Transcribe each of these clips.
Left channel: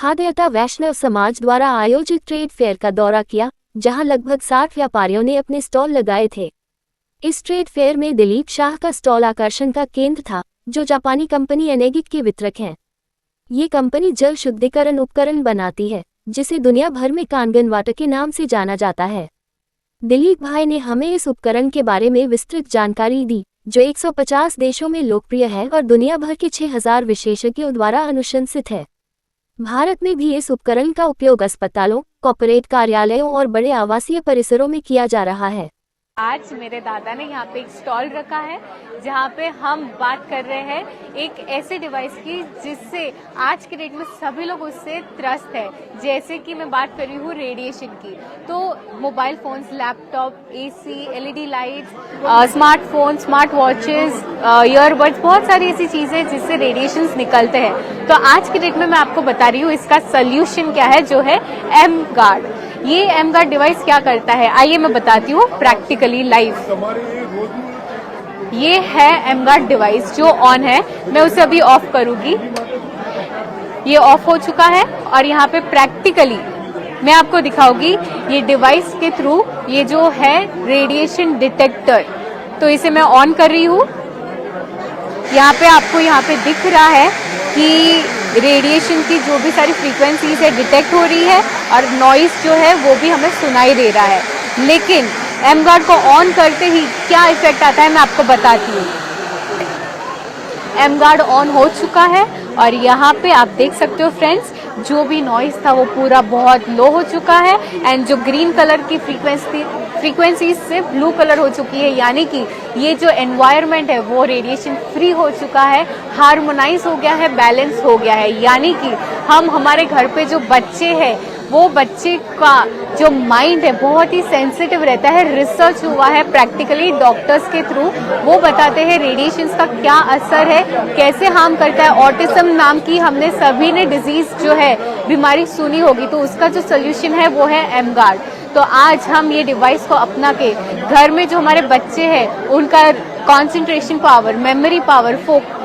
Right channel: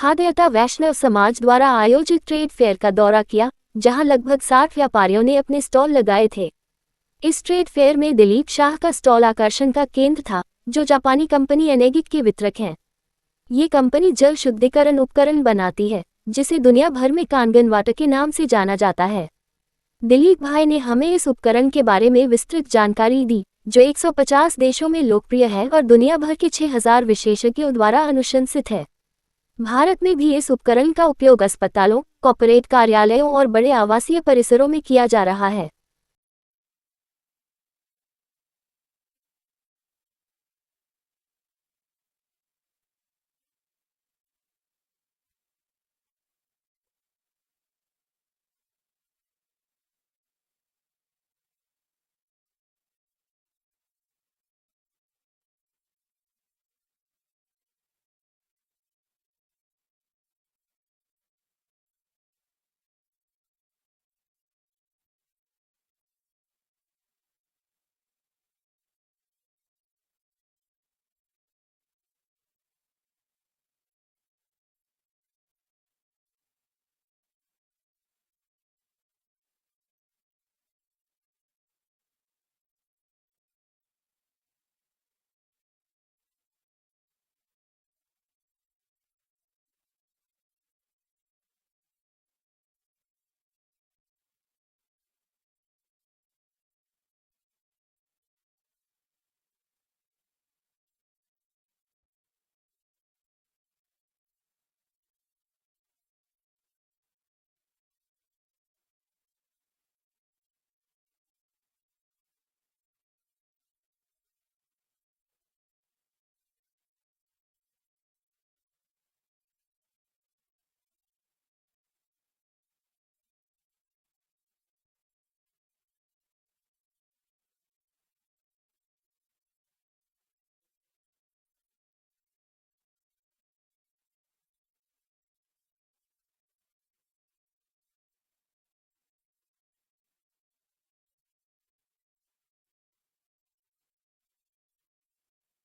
खाद्यता वैष्णव समाज द्वारा आयोजित ट्रेड फेयर का दौरा किया, जहां लगभग 60 व्यापारियों ने अपने स्टॉल लगाए थे। इस ट्रेड फेयर में दिलीप शाह का स्टॉल आकर्षण का केंद्र था, जो जापानी कंपनी एनेगिक के वितरक हैं। ये कंपनी जल शुद्धिकरण उपकरण बनाती है, जिसे दुनिया भर में कांगन वाटर के नाम से जाना जाता है। दिलीप भाई ने हमें इस उपकरण के बारे में विस्तृत जानकारी दी, जो 150 देशों में लोकप्रिय है और दुनिया भर के 6000 विशेषज्ञों द्वारा अनुशंसित है। भारत में भी इस उपकरण का उपयोग अस्पतालों, कॉर्पोरेट कार्यालयों और बड़े आवासीय परिसरों में किया जा रहा है। आज मेरे दादा ने यहाँ पे एक स्टॉल रखा है, जहाँ पे हम बात कर रहे हैं एक ऐसे डिवाइस की जिससे आज के डेट में सभी लोग उससे त्रस्त है। जैसे कि मैं बात कर रही हूँ रेडिएशन की, तो mobile phones, laptop, AC, LED lights, smartphone, smart watches, earbuds, बहुत सारी ऐसी चीजें जिससे रेडिएशंस निकलते हैं। तो आज के डेट में मैं आपको बता रही हूँ इसका सोल्यूशन क्या है, जो है एम गार्ड। ये एम गार्ड डिवाइस क्या करता है, आइए मैं बताती हूँ प्रैक्टिकली लाइव। ये है एम गार्ड डिवाइस जो ऑन है, मैं उसे अभी ऑफ करूंगी। ये ऑफ हो चुका है और यहाँ पे प्रैक्टिकली मैं आपको दिखाऊंगी ये डिवाइस के थ्रू ये जो है रेडिएशन डिटेक्टर। तो इसे मैं ऑन कर रही हूँ। यहाँ पे आपको यहाँ पे दिख रहा है कि रेडिएशन की जो भी सारी फ्रीक्वेंसीज है डिटेक्ट हो रही है और नॉइस जो है वो भी हमें सुनाई दे रहा है। लेकिन एम गार्ड को ऑन करते ही क्या इफेक्ट आता है मैं आपको बताती हूँ। एम गार्ड ऑन हो चुका है और यहाँ पे आप देख सकते हो फ्रेंड्स, जो भी नॉइस था वो पूरा बहुत लो हो चुका है एंड जो ग्रीन कलर की फ्रीक्वेंसी से ब्लू कलर हो चुकी है, यानी कि ये जो एनवायरनमेंट है वो रेडिएशन फ्री हो चुका है, हार्मोनाइज हो गया है, बैलेंस हो गया है। यानी कि हम हमारे घर पे जो बच्चे हैं वो बच्चे का जो माइंड है बहुत ही सेंसिटिव रहता है। रिसर्च हुआ है प्रैक्टिकली डॉक्टर्स के थ्रू, वो बताते हैं रेडिएशंस का क्या असर है, कैसे हार्म करता है। ऑटिज्म नाम की हमने सभी ने डिजीज जो है बीमारी सुनी होगी, तो उसका जो सोल्यूशन है वो है एम गार्ड। तो आज हम ये डिवाइस को अपना के घर में जो हमारे बच्चे हैं उनका concentration power, memory power,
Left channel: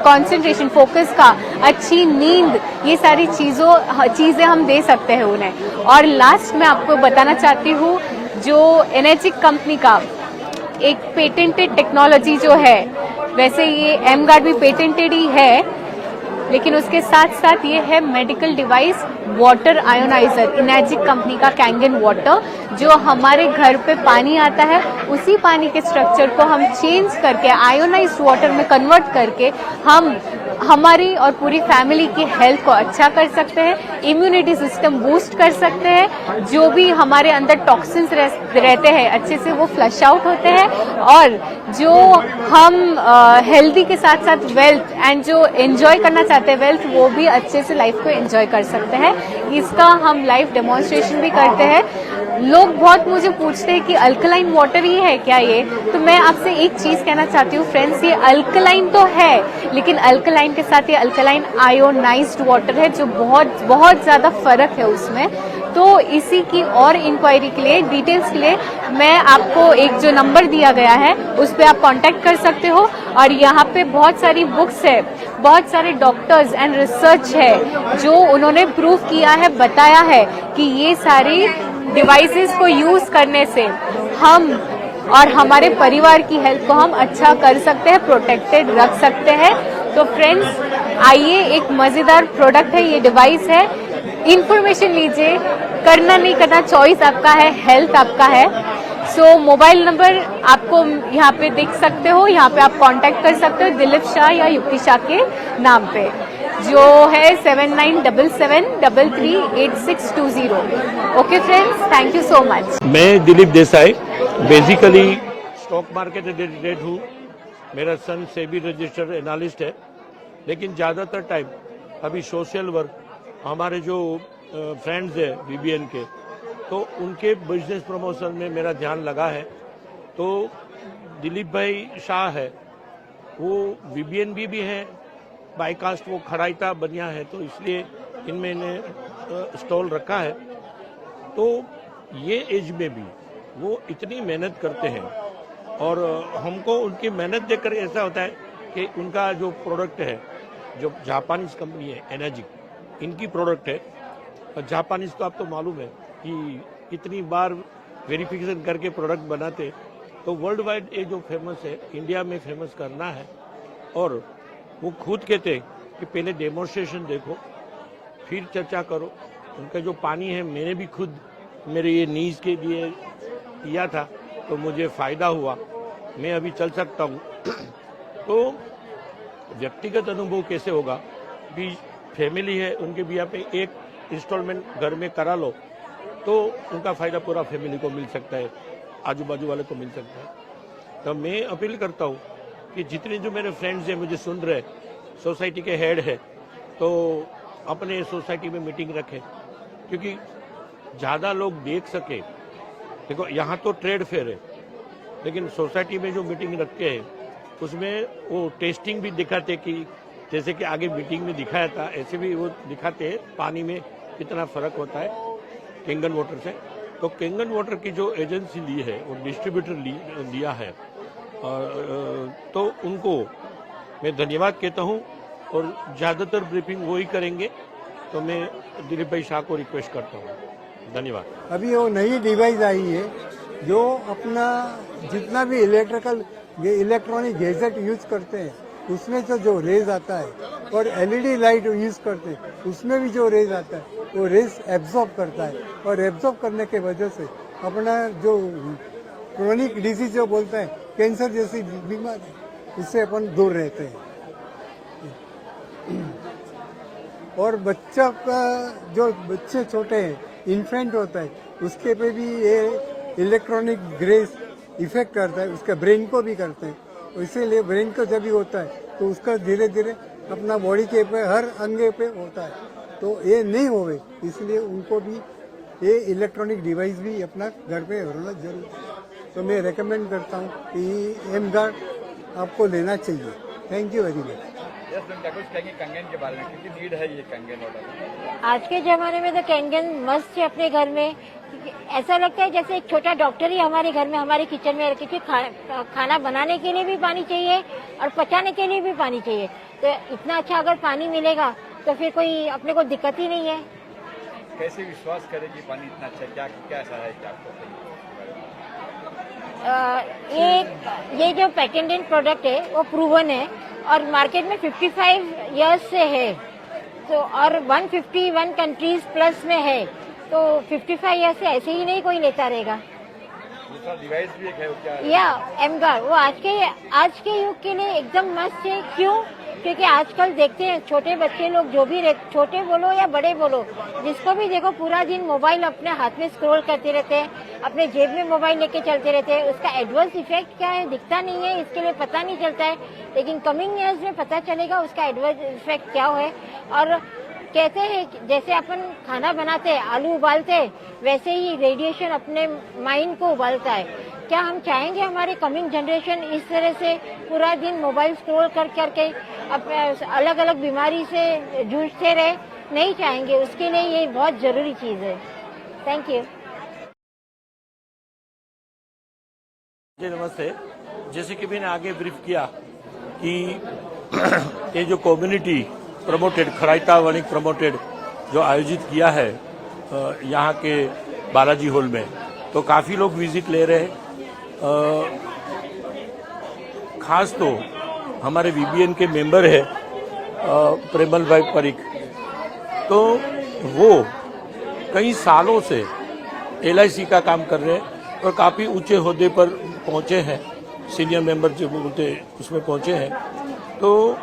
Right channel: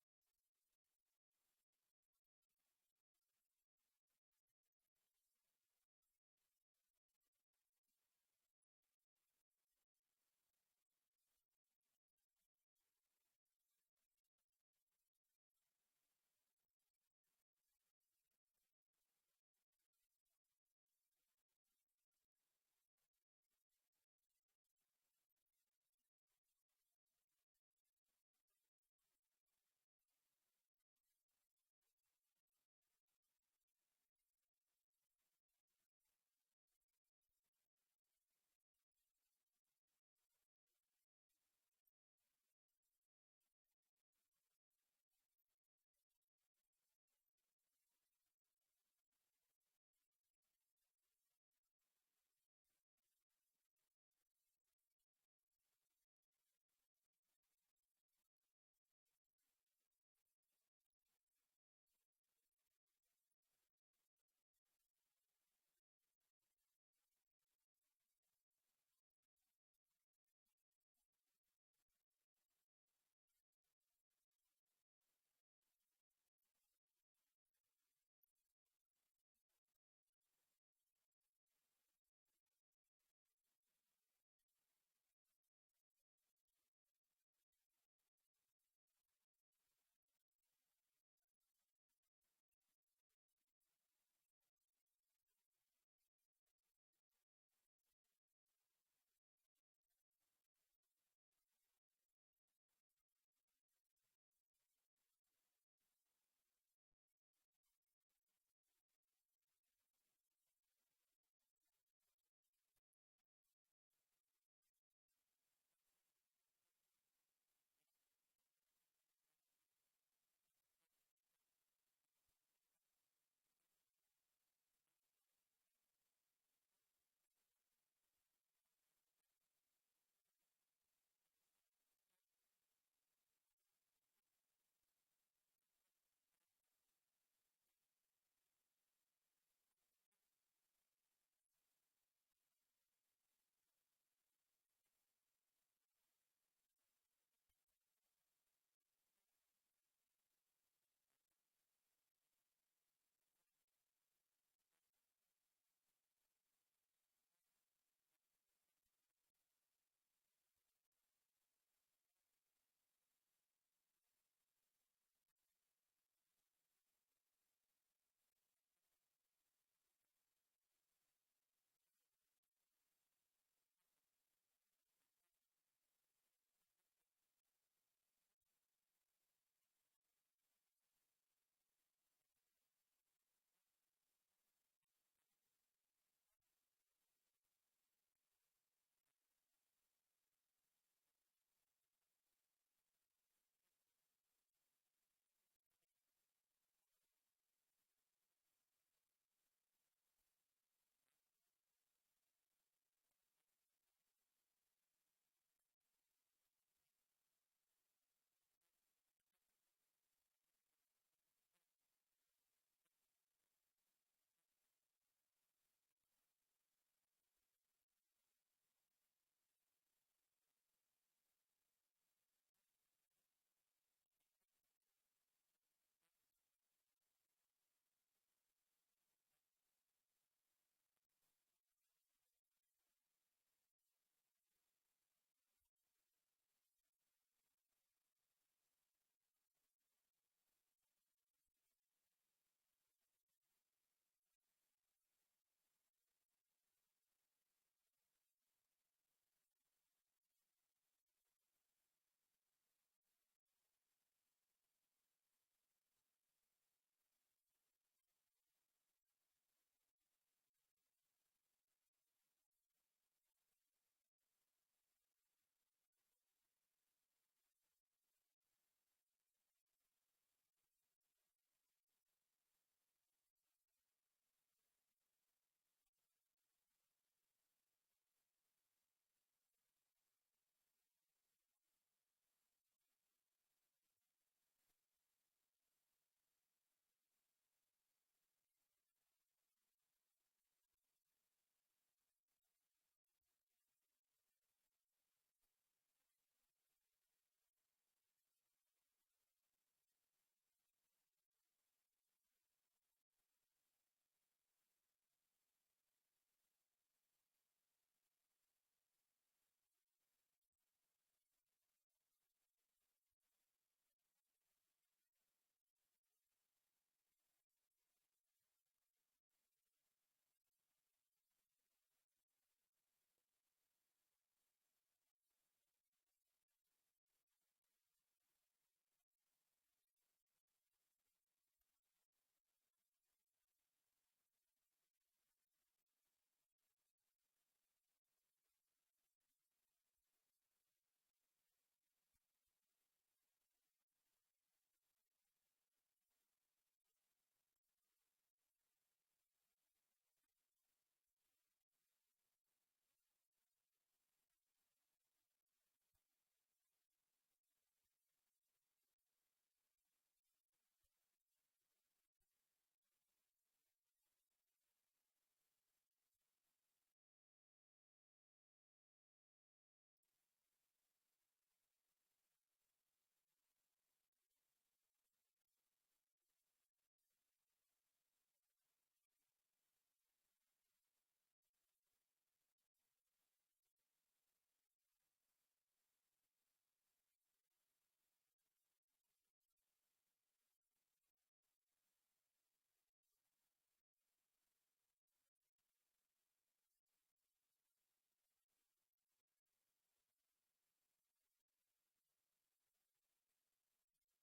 concentration, focus का, अच्छी नींद, ये सारी चीजें हम दे सकते हैं उन्हें। और लास्ट में आपको बताना चाहती हूँ, जो एनर्जिक कंपनी का एक पेटेंटेड टेक्नोलॉजी जो है, वैसे ये एम गार्ड भी पेटेंटेड ही है, लेकिन उसके साथ साथ ये है medical device water ioniser, Enagic company का कैंगन वाटर। जो हमारे घर पे पानी आता है उसी पानी के स्ट्रक्चर को हम चेंज करके आयोनाइज्ड वाटर में कन्वर्ट करके हम हमारी और पूरी फैमिली की हेल्थ को अच्छा कर सकते हैं, इम्यूनिटी सिस्टम बूस्ट कर सकते हैं, जो भी हमारे अंदर टॉक्सिन्स रहते हैं अच्छे से वो फ्लश आउट होते हैं, और जो हम हेल्दी के साथ साथ वेल्थ एंड जो एंजॉय करना चाहते हैं वेल्थ, वो भी अच्छे से लाइफ को एंजॉय कर सकते हैं। इसका हम लाइव डेमोन्स्ट्रेशन भी करते हैं। लोग बहुत मुझे पूछते हैं कि अल्कलाइन वाटर ही है क्या ये, तो मैं आपसे एक चीज कहना चाहती हूँ फ्रेंड्स, ये अल्कलाइन तो है, लेकिन अल्कलाइन के साथ ये अल्कलाइन आयोनाइज्ड वाटर है, जो बहुत बहुत ज्यादा फर्क है उसमें। तो इसी की और इंक्वायरी के लिए, डिटेल्स के लिए मैं आपको एक जो नंबर दिया गया है उस पर आप कांटेक्ट कर सकते हो। और यहाँ पे बहुत सारी बुक्स है, बहुत सारे डॉक्टर्स एंड रिसर्च है जो उन्होंने प्रूव किया है, बताया है कि ये सारी डिवाइसेस को यूज करने से हम और हमारे परिवार की हेल्थ को हम अच्छा कर सकते हैं, प्रोटेक्टेड रख सकते हैं। तो फ्रेंड्स आइए, एक मजेदार प्रोडक्ट है, ये डिवाइस है, इंफॉर्मेशन लीजिए, करना नहीं करना चॉइस आपका है, हेल्थ आपका है। सो मोबाइल नंबर आपको यहाँ पे देख सकते हो, यहाँ पे आप कांटेक्ट कर सकते हो दिलीप शाह या युक्ति शाह के नाम पे, जो है 7977338620। Okay friends, thank you so much. मैं Dilip Desai, basically stock market एडिटेड हूँ। मेरा सन सेबी रजिस्टर्ड एनालिस्ट है, लेकिन ज़्यादातर टाइम अभी सोशल वर्क, हमारे जो फ्रेंड्स हैं वीबीएन के, तो उनके बिजनेस प्रमोशन में मेरा ध्यान लगा है। तो दिलीप भाई शाह है, वो वीबीएन भी हैं, बाईकास्ट वो खड़ाईता बनिया है, तो इसलिए इनमें इन्हें स्टॉल रखा है। तो ये एज में भी वो इतनी मेहनत करते हैं और हमको उनकी मेहनत देखकर ऐसा होता है कि उनका जो प्रोडक्ट है, जो जापानीज कंपनी है एनर्जिक, इनकी प्रोडक्ट है, जापानीज को आप तो मालूम है कि कितनी बार वेरिफिकेशन करके प्रोडक्ट बनाते, तो वर्ल्ड वाइड ये जो फेमस है इंडिया में फेमस करना है। और वो खुद कहते हैं कि पहले डेमोन्स्ट्रेशन देखो फिर चर्चा करो। उनका जो पानी है मैंने भी खुद मेरे ये नीज के लिए किया था, तो मुझे फ़ायदा हुआ, मैं अभी चल सकता हूँ। तो व्यक्तिगत अनुभव कैसे होगा कि फैमिली है, उनके भी यहाँ पे एक इंस्टॉलमेंट घर में करा लो तो उनका फ़ायदा पूरा फैमिली को मिल सकता है, आजू बाजू वाले को मिल सकता है। तो मैं अपील करता हूँ कि जितने जो मेरे फ्रेंड्स हैं मुझे सुन रहे, सोसाइटी के हेड है, तो अपने सोसाइटी में मीटिंग रखें, क्योंकि ज़्यादा लोग देख सके। देखो यहाँ तो ट्रेड फेयर है, लेकिन सोसाइटी में जो मीटिंग रखते हैं उसमें वो टेस्टिंग भी दिखाते कि जैसे कि आगे मीटिंग में दिखाया था, ऐसे भी वो दिखाते हैं पानी में कितना फ़र्क होता है कैंगन वाटर से। तो कैंगन वाटर की जो एजेंसी ली है वो डिस्ट्रीब्यूटर लिया है, तो उनको मैं धन्यवाद कहता हूँ। और ज़्यादातर ब्रीफिंग वही करेंगे, तो मैं दिलीप भाई शाह को रिक्वेस्ट करता हूँ। धन्यवाद। अभी वो नई डिवाइस आई है जो अपना जितना भी इलेक्ट्रॉनिक गैजेट यूज करते हैं उसमें तो जो रेज आता है और एलईडी लाइट यूज करते हैं उसमें भी जो रेज आता है वो रेज एब्जॉर्ब करता है, और एब्जॉर्ब करने के वजह से अपना जो क्रोनिक डिजीज जो बोलते हैं कैंसर जैसी बीमारी, उससे अपन दूर रहते हैं। और बच्चा का जो बच्चे छोटे हैं, इन्फेंट होता है, उसके पे भी ये इलेक्ट्रॉनिक ग्रेस इफेक्ट करता है, उसके ब्रेन को भी करते हैं। इसीलिए ब्रेन को जब भी होता है तो उसका धीरे धीरे अपना बॉडी के पे हर अंगे पे होता है, तो ये नहीं होवे, इसलिए उनको भी ये इलेक्ट्रॉनिक डिवाइस भी अपना घर पे होना जरूर है। तो मैं रेकमेंड करता हूँ कि एम गार्ड आपको लेना चाहिए। Thank you very much. कंगन के बारे में कितनी नीड है ये कंगन वाटर? आज के ज़माने में तो कैंगन मस्त है अपने घर में। ऐसा लगता है जैसे एक छोटा डॉक्टर ही हमारे घर में, हमारे किचन में, क्योंकि खाना बनाने के लिए भी पानी चाहिए और पचाने के लिए भी पानी चाहिए। तो इतना अच्छा अगर पानी मिलेगा तो फिर कोई अपने को दिक्कत ही नहीं है। कैसे विश्वास करें कि पानी इतना अच्छा, क्या क्या ऐसा है कि आपको? ये जो पेटेंटेड प्रोडक्ट है वो प्रूवन है और मार्केट में 55 इयर्स से है, तो और 151 कंट्रीज प्लस में है, तो 55 इयर्स से ऐसे ही नहीं कोई लेता रहेगा। दूसरा डिवाइस भी एक है वो क्या है? या एमगार्ड, वो आज के युग के लिए एकदम मस्त है। क्यों? क्योंकि आजकल देखते हैं छोटे बच्चे लोग, जो भी छोटे बोलो या बड़े बोलो, जिसको भी देखो पूरा दिन मोबाइल अपने हाथ में स्क्रॉल करते रहते हैं, अपने जेब में मोबाइल लेके चलते रहते हैं। उसका एडवर्स इफेक्ट क्या है दिखता नहीं है, इसके लिए पता नहीं चलता है, लेकिन कमिंग ईयर्स में पता चलेगा उसका एडवर्स इफेक्ट क्या है। और कहते हैं जैसे अपन खाना बनाते हैं, आलू उबालते हैं, वैसे ही रेडिएशन अपने माइंड को उबालता है। क्या हम चाहेंगे हमारे कमिंग जनरेशन इस तरह से पूरा दिन मोबाइल स्क्रॉल कर करके अलग अलग बीमारी से जूझते रहे? नहीं चाहेंगे। उसके लिए ये बहुत जरूरी चीज़ है। Thank you. जी नमस्ते। जैसे कि मैंने आगे ब्रीफ किया कि ये जो कम्युनिटी प्रमोटेड खराइता वणिक प्रमोटेड जो आयोजित किया है यहाँ के बालाजी हॉल में, तो काफ़ी लोग विजिट ले रहे हैं। खास तो हमारे वीबीएन के मेंबर है प्रेमल भाई परीख, तो वो कई सालों से एलआईसी का काम कर रहे हैं और काफ़ी ऊंचे ओहदे पर पहुंचे हैं, सीनियर मेंबर जो बोलते उसमें पहुंचे हैं। तो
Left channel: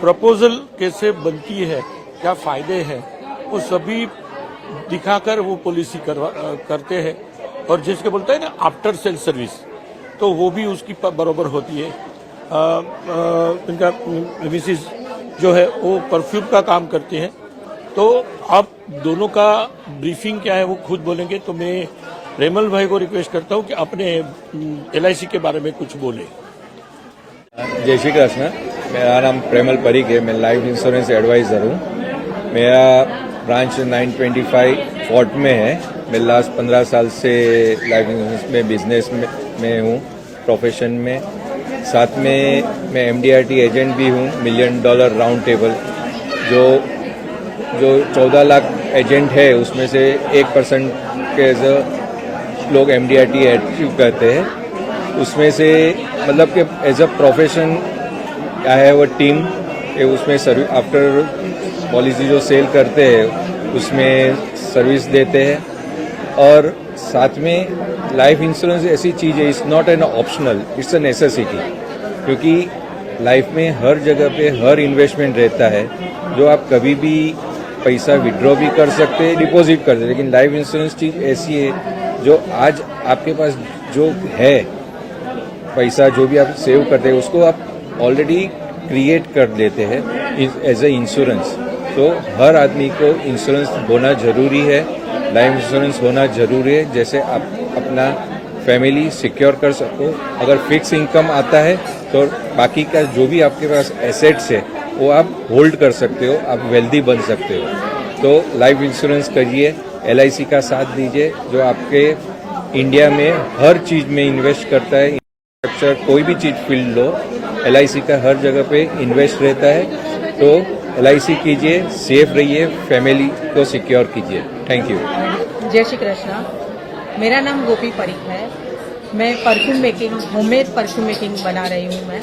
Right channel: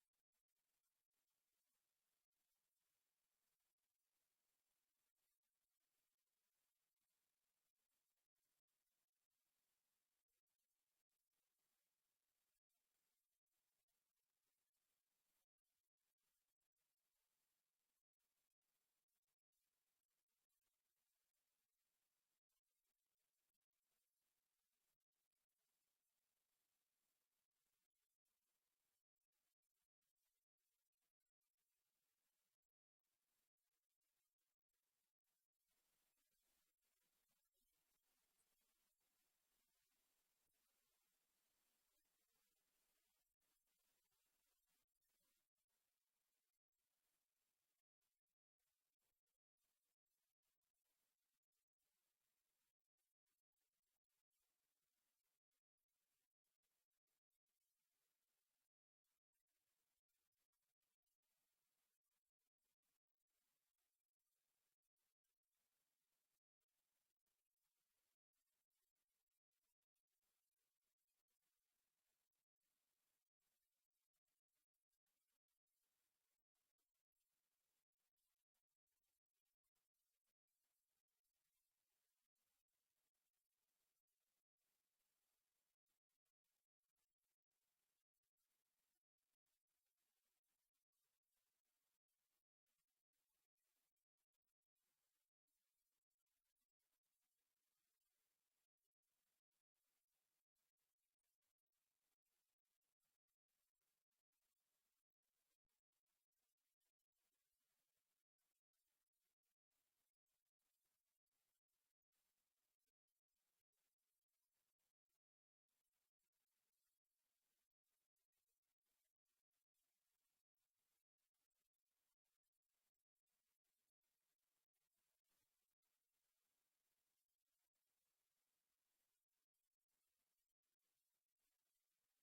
प्रपोजल कैसे बनती है, क्या फ़ायदे हैं, वो सभी दिखाकर वो पॉलिसी करते हैं। और जिसके बोलते हैं ना आफ्टर सेल सर्विस, तो वो भी उसकी बराबर होती है। इनका मिसिस जो है वो परफ्यूम का काम करते हैं। तो आप दोनों का ब्रीफिंग क्या है वो खुद बोलेंगे, तो मैं प्रेमल भाई को रिक्वेस्ट करता हूँ कि अपने एलआईसी के बारे में कुछ बोले। जय श्री कृष्ण। मेरा नाम प्रेमल परीख है, मैं लाइफ इंश्योरेंस एडवाइज़र हूँ। मेरा ब्रांच 925 फोर्ट में है। मैं लास्ट 15 साल से लाइफ इंश्योरेंस में बिजनेस में हूँ, प्रोफेशन में। साथ में मैं MDRT एजेंट भी हूँ, $1 मिलियन राउंड टेबल, जो जो 14 लाख एजेंट है उसमें से 1% के लोग MDRT अचीव करते हैं। उसमें से मतलब कि as a profession I have a team, उसमें सर्विस आफ्टर पॉलिसी जो सेल करते हैं उसमें सर्विस देते हैं। और साथ में लाइफ इंश्योरेंस ऐसी चीज़ है, it's not an optional, it's a necessity. क्योंकि लाइफ में हर जगह पे हर इन्वेस्टमेंट रहता है जो आप कभी भी पैसा विड्रॉ भी कर सकते हैं, डिपॉजिट कर सकते हैं। लेकिन लाइफ इंश्योरेंस चीज़ ऐसी है जो आज आपके पास जो है पैसा, जो भी आप सेव करते हैं उसको आप ऑलरेडी क्रिएट कर देते हैं एज ए इंश्योरेंस। तो हर आदमी को इंश्योरेंस होना जरूरी है, लाइफ इंश्योरेंस होना जरूरी है, जैसे आप अपना फैमिली सिक्योर कर सको। अगर फिक्स इनकम आता है तो बाकी का जो भी आपके पास एसेट्स है वो आप होल्ड कर सकते हो, आप वेल्दी बन सकते हो। तो लाइफ इंश्योरेंस करिए, LIC का साथ दीजिए जो आपके इंडिया में हर चीज़ में इन्वेस्ट करता है। इंफ्रास्ट्रक्चर कोई भी चीज़ फील्ड लो, LIC का हर जगह पे इन्वेस्ट रहता है। तो LIC कीजिए, सेफ रहिए, फैमिली को सिक्योर कीजिए। Thank you. जय श्री कृष्णा। मेरा नाम गोपी परीख है। मैं perfume making, homemade perfume making बना रही हूँ मैं।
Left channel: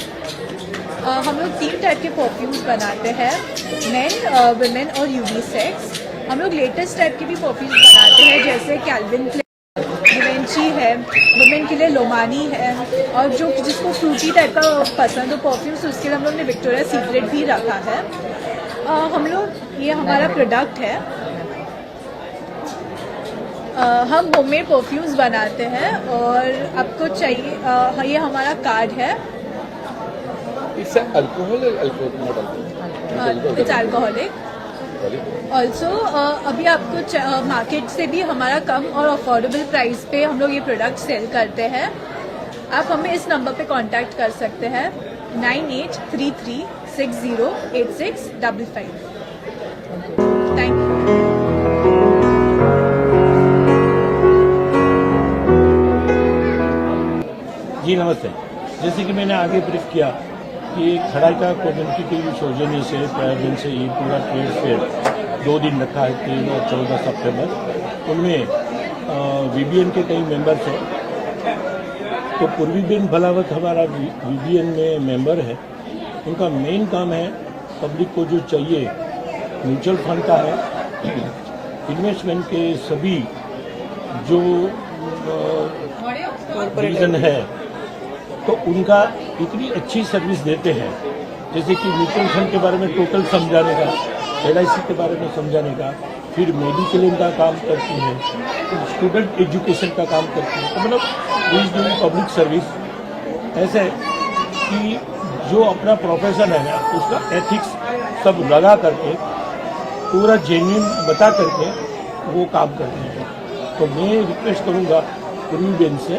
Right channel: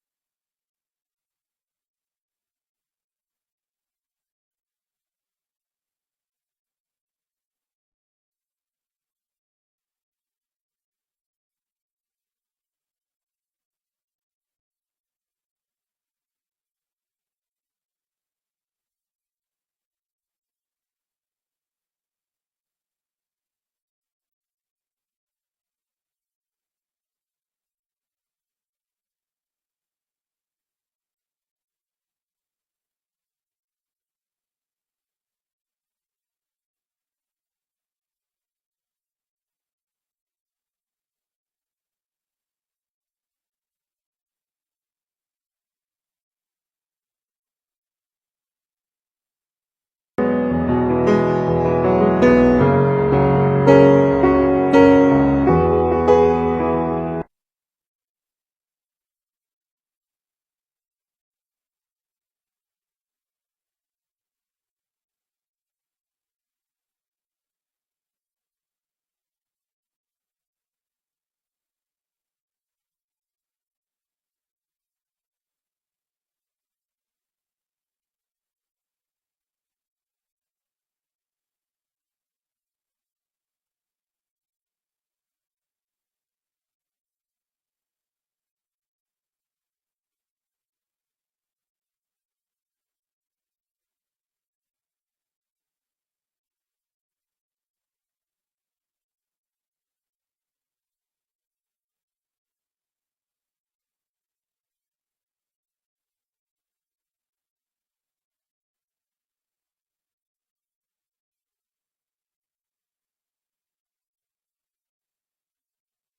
हम लोग 3 टाइप के परफ्यूम्स बनाते हैं, मेन, वुमेन और यूनिसेक्स। हम लोग लेटेस्ट टाइप के भी परफ्यूम्स बनाते हैं, जैसे कैल्विन क्लेन, गिवेंची है, वुमेन के लिए लोमानी है, और जो जिसको फ्रूटी टाइप का पसंद हो परफ्यूम्स उसके लिए हम लोग ने विक्टोरिया सीक्रेट भी रखा है। हम लोग, ये हमारा प्रोडक्ट है। हम होममेड परफ्यूम्स बनाते हैं और आपको चाहिए, ये हमारा कार्ड है। It's alcohol, it's alcoholic. Also अभी आपको मार्केट से भी हमारा कम और अफोर्डेबल प्राइस पे हम लोग ये प्रोडक्ट सेल करते हैं। आप हमें इस नंबर पे कांटेक्ट कर सकते हैं 9833608655। Thank you. जी नमस्ते। जैसे कि मैंने आगे ब्रीफ किया कि खड़ाइका कम्युनिटी के सौजन्य से प्रायोजन से ये पूरा ट्रेड फेयर 2 दिन रखा है, 3 और 14 सितंबर। उनमें VBN के कई मेंबर्स हैं। तो पूर्वीबेन भलावत हमारा VBN में मेंबर है। उनका मेन काम है पब्लिक को जो चाहिए म्यूचुअल फंड का है, इन्वेस्टमेंट के सभी जो रीजन है तो उनका इतनी अच्छी सर्विस देते हैं। जैसे कि म्यूचुअल फंड के बारे में टोटल समझाने का, LIC के बारे में समझाने का, फिर मेडिक्लेम का काम करती है, स्टूडेंट एजुकेशन का काम करती है। तो मतलब इज डूइंग पब्लिक सर्विस। ऐसे कि जो अपना प्रोफेशन है ना उसका एथिक्स सब लगा करके पूरा जेन्युइन बता करके वो काम करते हैं। तो मैं रिक्वेस्ट करूँगा पूर्वीबेन से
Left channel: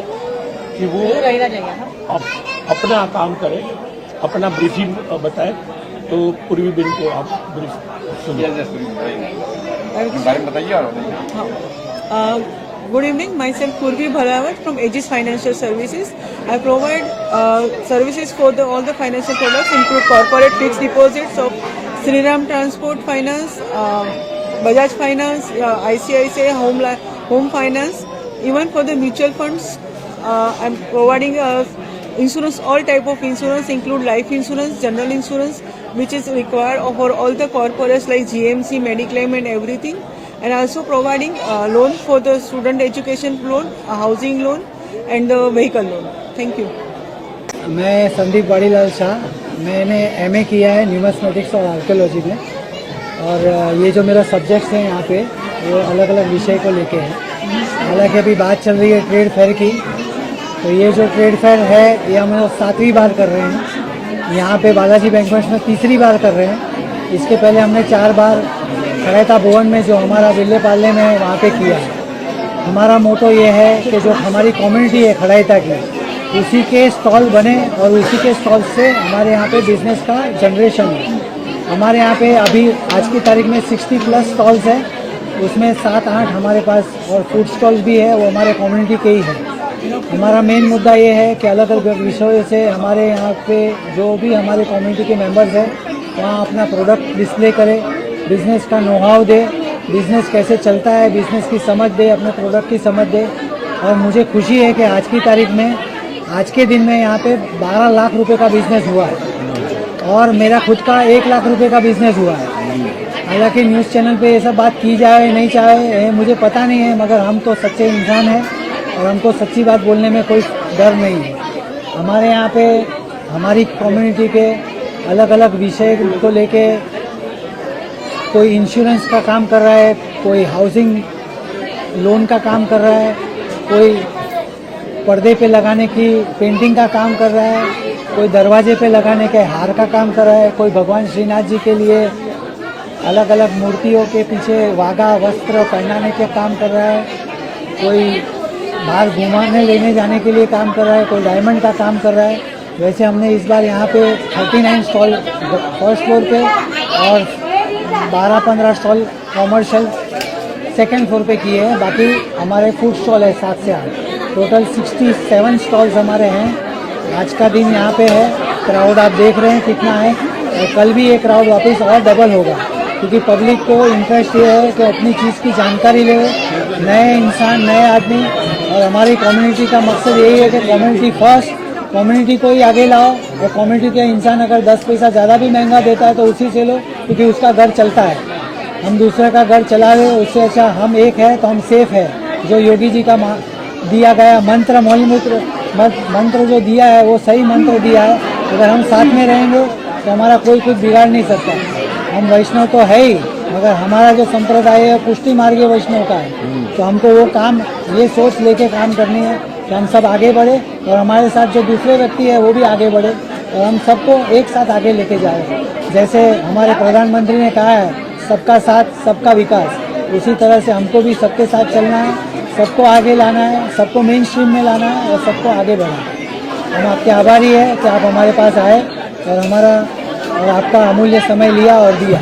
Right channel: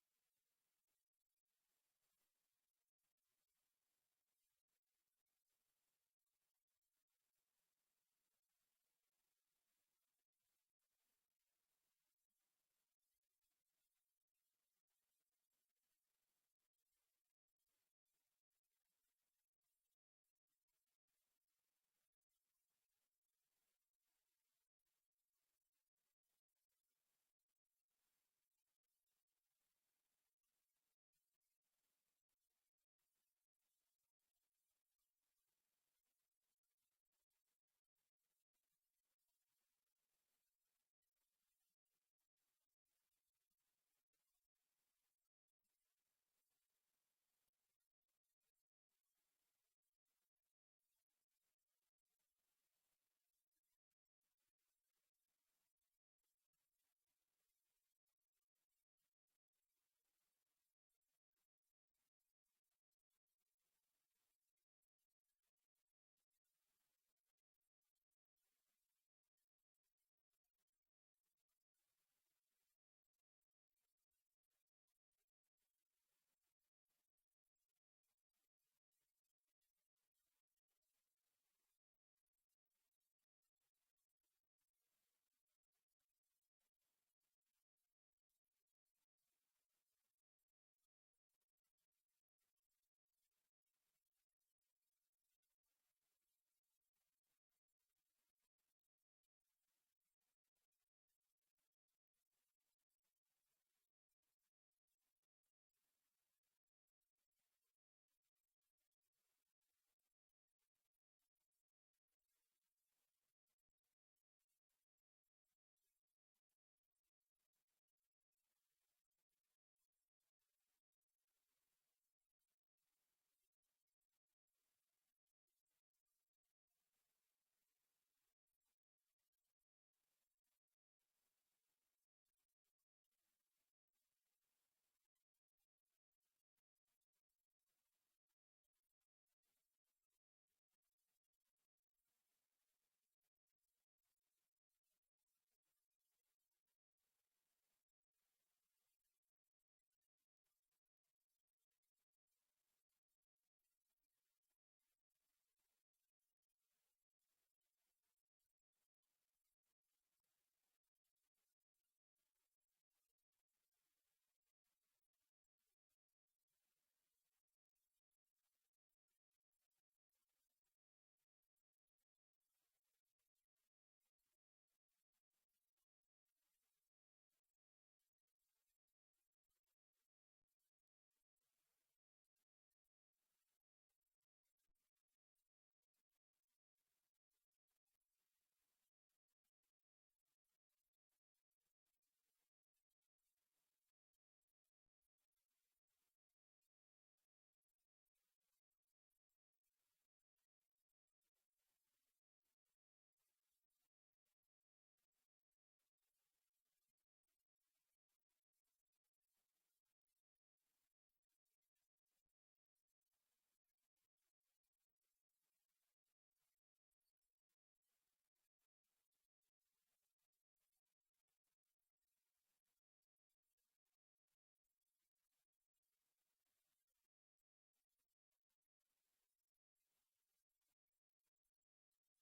कि वो अपना काम करें, अपना ब्रीफिंग बताएं। तो पूर्वीबेन को आप ब्रीफ सुनिए। बारे में बताइए। Good evening, myself Purvi Bhalawat from Aegis Financial Services. I provide services for all the financial products, include corporate fixed deposits of Shriram Transport Finance, Bajaj Finance, ICICI Home Finance. Even for the mutual funds, I'm providing insurance, all type of insurance, include life insurance, general insurance, which is required for all the corporates like GMC, Mediclaim and everything. And also providing loan for the student education loan, housing loan and the vehicle loan. Thank you. मैं संदीप वाड़ीलाल शाह, मैंने MA किया है न्यूमैथमेटिक्स और archaeology में। और ये जो मेरा सब्जेक्ट्स हैं यहाँ पे वो अलग अलग विषय को लेके हैं। हालांकि अभी बात चल रही है ट्रेड फेयर की, तो ये जो ट्रेड फेयर है ये हम लोग 7वीं बार कर रहे हैं। यहाँ पे बालाजी बैंक्वेट्स में 3री बार कर रहे हैं। इसके पहले हमने 4 बार खड़ैता भवन में जो हमारा विल्ले पाले में है वहाँ पे किया है। हमारा मोटो ये है कि जो हमारी कम्युनिटी है खड़ैता की, उसी के स्टॉल बने और उसी के स्टॉल से हमारे यहाँ पे बिजनेस का जनरेशन है। हमारे यहाँ पे अभी आज की तारीख में 60+ स्टॉल्स हैं, उसमें 7-8 हमारे पास और फूड स्टॉल्स भी है, वो हमारे कम्युनिटी के ही है। हमारा मेन मुद्दा ये है कि अलग अलग विषयों से हमारे यहाँ पे जो भी हमारे कम्युनिटी के मेंबर्स हैं वहाँ अपना प्रोडक्ट डिस्प्ले करें बिजनेस का नो हाउ दे, बिजनेस कैसे चलता है, बिजनेस की समझ दे, अपने प्रोडक्ट की समझ दे। और मुझे खुशी है कि आज की तारीख में, आज के दिन में यहाँ पे 12 लाख रुपए का बिजनेस हुआ है और मेरा खुद का 1 लाख रुपए का बिजनेस हुआ है। हालांकि न्यूज़ चैनल पे ये सब बात की जाए नहीं चाहे मुझे पता नहीं है, मगर हम तो सच्चे इंसान हैं और हमको सच्ची बात बोलने में कोई डर नहीं है। हमारे यहाँ पे हमारी कम्युनिटी के अलग अलग विषय को लेके कोई इंश्योरेंस का काम कर रहा है, कोई हाउसिंग लोन का काम कर रहा है, कोई पर्दे पे लगाने की पेंटिंग का काम कर रहा है, कोई दरवाजे पे लगाने के हार का काम कर रहा है, कोई भगवान श्रीनाथ जी के लिए अलग अलग मूर्तियों के पीछे वाघा वस्त्र पहनाने के काम कर रहा है, कोई बाहर घुमाने लेने जाने के लिए काम कर रहा है, कोई डायमंड का काम कर रहा है। वैसे हमने इस बार यहाँ पे 39 स्टॉल फर्स्ट फ्लोर पे और 12-15 स्टॉल कॉमर्शियल सेकेंड फ्लोर पे किए हैं। बाकी हमारे फूड स्टॉल है 7 से 8, टोटल 67 स्टॉल्स हमारे हैं। आज का दिन यहाँ पे है, क्राउड आप देख रहे हैं कितना है और कल भी ये क्राउड वापस और डबल होगा, क्योंकि पब्लिक को इंटरेस्ट ये है कि अपनी चीज़ की जानकारी ले, नए इंसान, नए आदमी। और हमारी कम्युनिटी का मकसद यही है कि कम्युनिटी फर्स्ट, कम्युनिटी को ही आगे लाओ और कम्युनिटी के इंसान अगर 10 पैसा ज़्यादा भी महंगा देता है तो उसी से लो, क्योंकि उसका घर चलता है। हम दूसरे का घर चला रहे, उससे अच्छा हम एक है तो हम सेफ है। जो योगी जी का दिया गया मंत्र, मौलिमूत्र मंत्र जो दिया है वो सही मंत्र दिया है। अगर हम साथ में रहेंगे तो हमारा कोई कुछ बिगाड़ नहीं सकता। हम वैष्णव तो है ही, मगर हमारा जो संप्रदाय है पुष्टि मार्गीय वैष्णव का है, तो हमको वो काम, ये सोच लेके काम करनी है कि हम सब आगे बढ़े और हमारे साथ जो दूसरे व्यक्ति है वो भी आगे बढ़े और हम सबको एक साथ आगे लेके जाए। जैसे हमारे प्रधानमंत्री ने कहा है सबका साथ सबका विकास, उसी तरह से हमको भी सबके साथ चलना है, सबको आगे लाना है, सबको मेन स्ट्रीम में लाना है और सबको आगे बढ़ाना है। हम आपके आभारी हैं कि आप हमारे पास आए और हमारा और आपका अमूल्य समय लिया और दिया।